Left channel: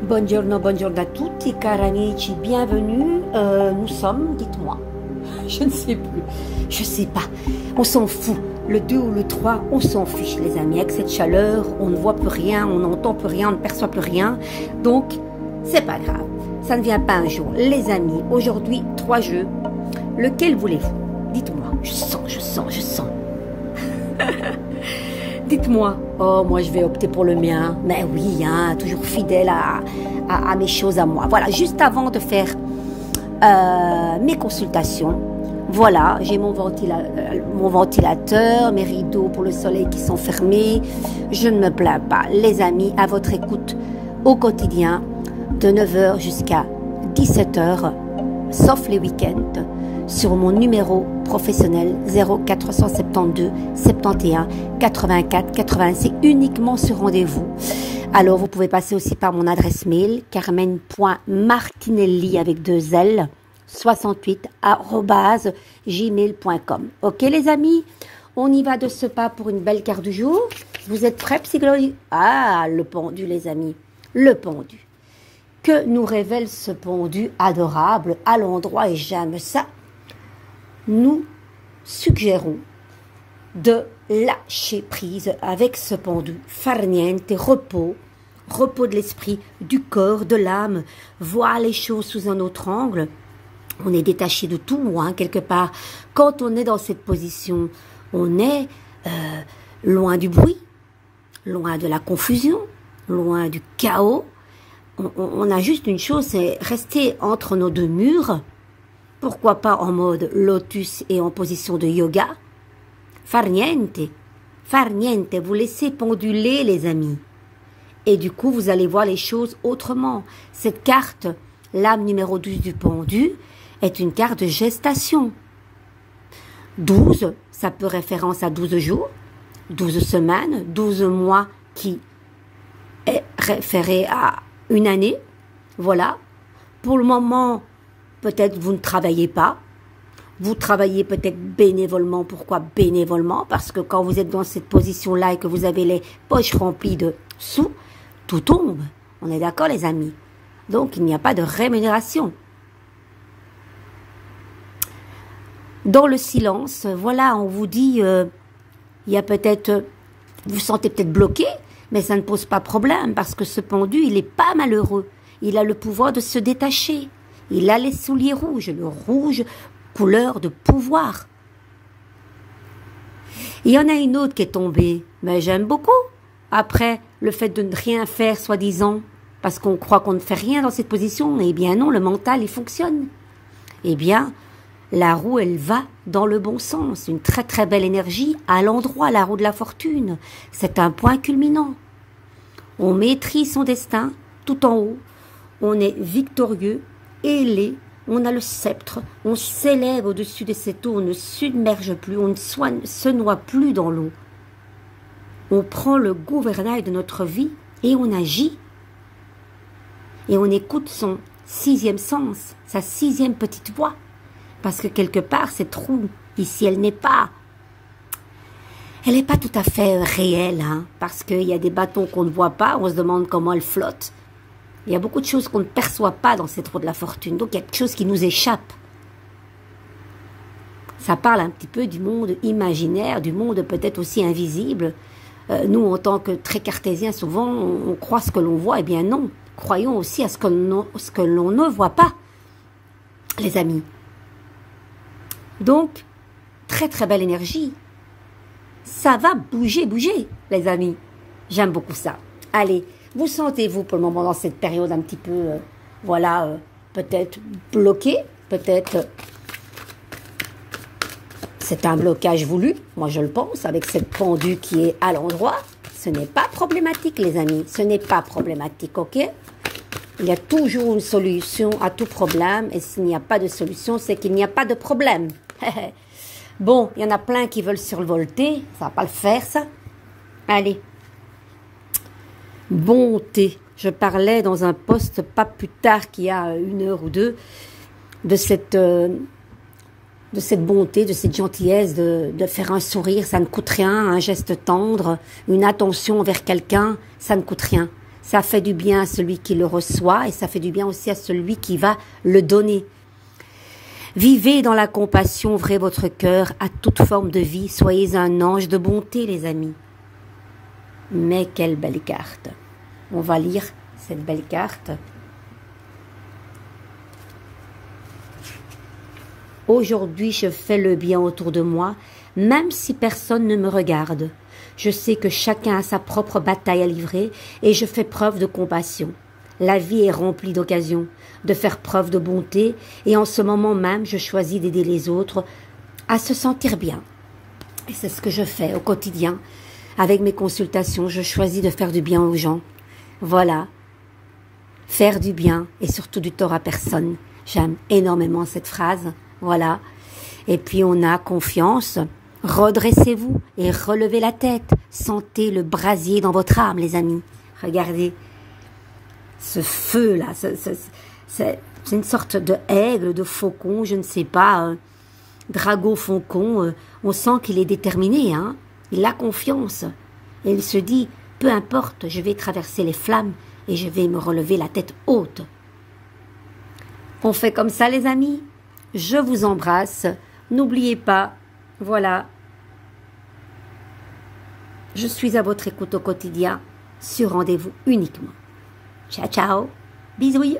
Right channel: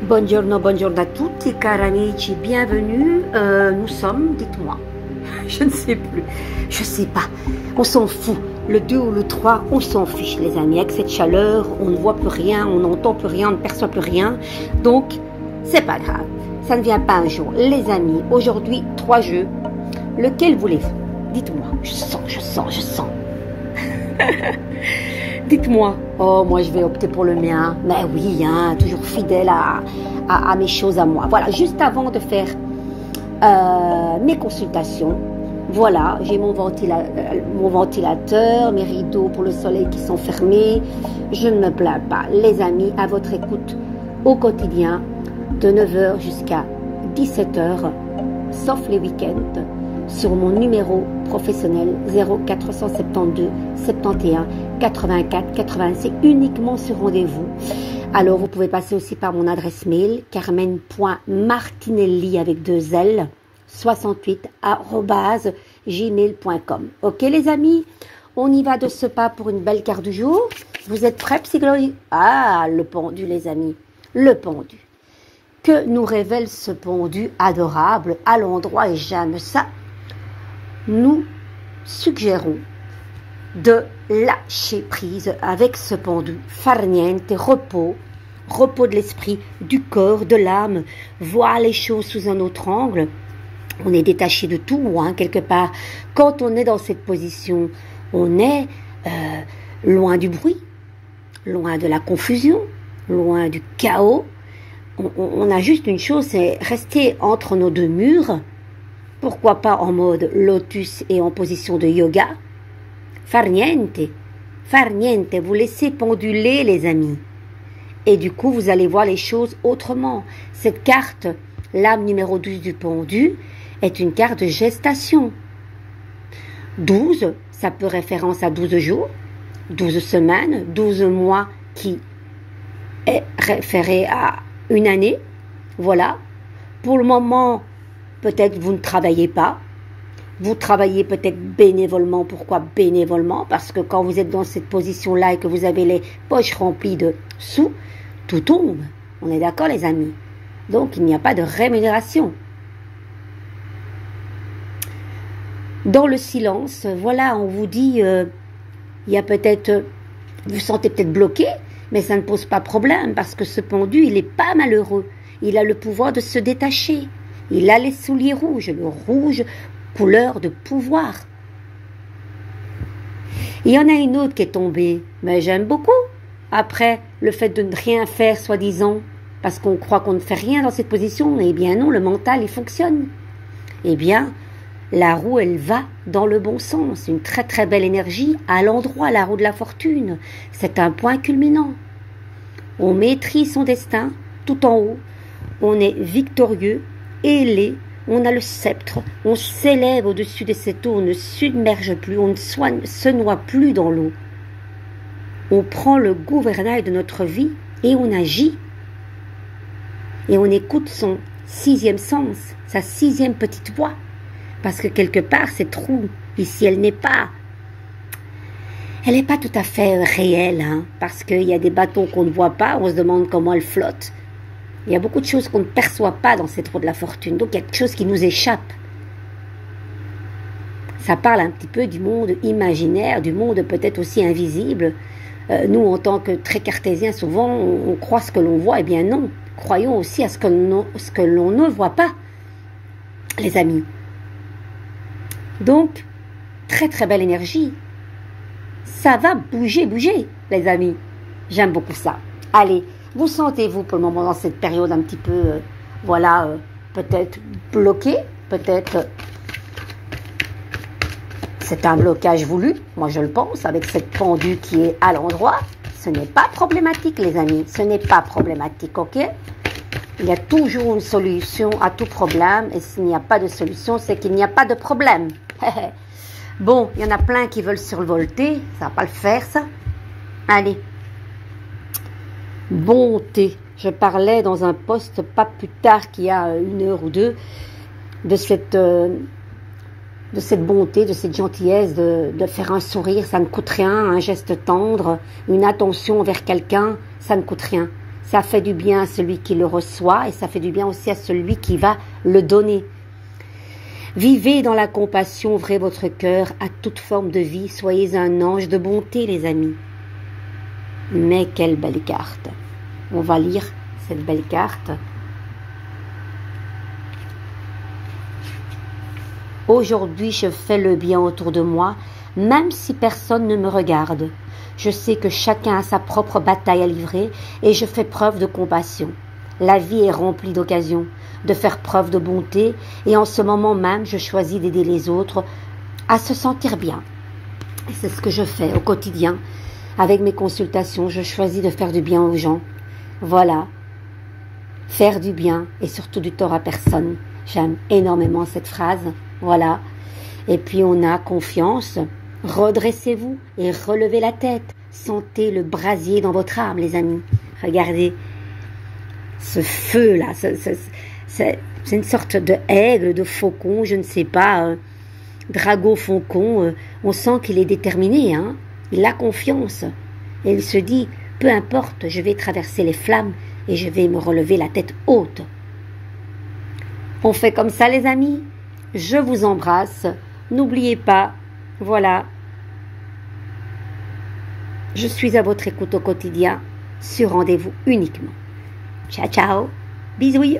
Buongiorno, buongiorno a tutti, cari amici, bienvenue. Nous sommes, dites-moi, je ne sais plus, je sais pas, on s'en fout. Le 2 ou le 3, on s'en fiche, les amis. Avec cette chaleur, on ne voit plus rien, on n'entend plus rien, on ne perçoit plus rien. Donc, c'est pas grave, ça ne vient pas un jour. Les amis, aujourd'hui, 3 jeux. Lequel voulez-vous? Dites-moi, je sens. Dites-moi. Oh, moi, je vais opter pour le mien. Mais oui, hein, toujours fidèle à mes choses à moi. Voilà, juste avant de faire mes consultations, voilà, j'ai mon ventilateur, mes rideaux pour le soleil qui sont fermés. Je ne me plains pas. Les amis, à votre écoute au quotidien, de 9 h jusqu'à 17 h, sauf les week-ends, sur mon numéro professionnel 0472 71 84 80. C'est uniquement sur rendez-vous. Alors, vous pouvez passer aussi par mon adresse mail carmen.martinelli avec 2 L 68@gmail.com. Ok les amis, on y va de ce pas pour une belle carte du jour. Vous êtes prêts, Psychologie? Ah, le pendu les amis, le pendu. Que nous révèle ce pendu adorable à l'endroit, et j'aime ça. Nous suggérons de lâcher prise avec ce pendu. Far niente, repos de l'esprit, du corps, de l'âme, voir les choses sous un autre angle. On est détaché de tout, hein, quelque part. Quand on est dans cette position, on est loin du bruit, loin de la confusion, loin du chaos. On a juste une chose, c'est rester entre nos deux murs. Pourquoi pas en mode lotus et en position de yoga? Far niente, vous laissez penduler les amis. Et du coup, vous allez voir les choses autrement. Cette carte, l'âme numéro 12 du pendu, est une carte de gestation. 12, ça peut référence à 12 jours, 12 semaines, 12 mois qui est référé à une année. Voilà. Pour le moment, peut-être vous ne travaillez pas. Vous travaillez peut-être bénévolement. Pourquoi bénévolement? Parce que quand vous êtes dans cette position-là et que vous avez les poches remplies de sous, tout tombe. On est d'accord les amis? Donc il n'y a pas de rémunération. Dans le silence, voilà, on vous dit, il y a peut-être, vous sentez peut-être bloqué, mais ça ne pose pas problème parce que ce pendu, il n'est pas malheureux. Il a le pouvoir de se détacher. Il a les souliers rouges, le rouge, couleur de pouvoir. Il y en a une autre qui est tombée, mais j'aime beaucoup. Après, le fait de ne rien faire, soi-disant, parce qu'on croit qu'on ne fait rien dans cette position, eh bien non, le mental, il fonctionne. Eh bien, la roue, elle va dans le bon sens. Une très très belle énergie à l'endroit, la roue de la fortune. C'est un point culminant. On maîtrise son destin tout en haut. On est victorieux, ailé, on a le sceptre, on s'élève au-dessus de cette eau, on ne submerge plus, on ne se noie plus dans l'eau. On prend le gouvernail de notre vie et on agit. Et on écoute son 6e sens, sa 6e petite voix. Parce que quelque part, cette roue, ici, elle n'est pas tout à fait réelle, hein, parce qu'il y a des bateaux qu'on ne voit pas, on se demande comment elles flottent. Il y a beaucoup de choses qu'on ne perçoit pas dans cette roue de la fortune, donc il y a quelque chose qui nous échappe. Ça parle un petit peu du monde imaginaire, du monde peut-être aussi invisible. Nous, en tant que très cartésiens, souvent, on croit ce que l'on voit, eh bien non. Croyons aussi à ce que l'on ne voit pas, les amis. Donc, très très belle énergie. Ça va bouger, les amis. J'aime beaucoup ça. Allez, vous sentez-vous pour le moment dans cette période un petit peu, voilà, peut-être bloqué, peut-être c'est un blocage voulu, moi je le pense, avec cette pendule qui est à l'endroit. Ce n'est pas problématique, les amis, ce n'est pas problématique, ok? Il y a toujours une solution à tout problème, et s'il n'y a pas de solution, c'est qu'il n'y a pas de problème. Bon, il y en a plein qui veulent survolter, ça va pas le faire, ça. Allez. Bonté. Je parlais dans un post pas plus tard qu'il y a 1 heure ou 2 de cette bonté, de cette gentillesse, de faire un sourire, ça ne coûte rien, un geste tendre, une attention vers quelqu'un, ça ne coûte rien. Ça fait du bien à celui qui le reçoit et ça fait du bien aussi à celui qui va le donner. Vivez dans la compassion, ouvrez votre cœur à toute forme de vie. Soyez un ange de bonté, les amis. Mais quelle belle carte. On va lire cette belle carte. Aujourd'hui, je fais le bien autour de moi, même si personne ne me regarde. Je sais que chacun a sa propre bataille à livrer et je fais preuve de compassion. La vie est remplie d'occasions, de faire preuve de bonté et en ce moment même, je choisis d'aider les autres à se sentir bien. Et c'est ce que je fais au quotidien. Avec mes consultations, je choisis de faire du bien aux gens. Voilà. Faire du bien et surtout du tort à personne. J'aime énormément cette phrase. Voilà. Et puis on a confiance. Redressez-vous et relevez la tête. Sentez le brasier dans votre âme, les amis. Regardez. Ce feu-là, c'est une sorte de aigle, de faucon, je ne sais pas, drago-faucon. On sent qu'il est déterminé, hein. Il a confiance. Et il se dit, peu importe, je vais traverser les flammes et je vais me relever la tête haute. On fait comme ça, les amis. Je vous embrasse. N'oubliez pas, voilà, je suis à votre écoute au quotidien, sur rendez-vous uniquement. Ciao, ciao, bisous.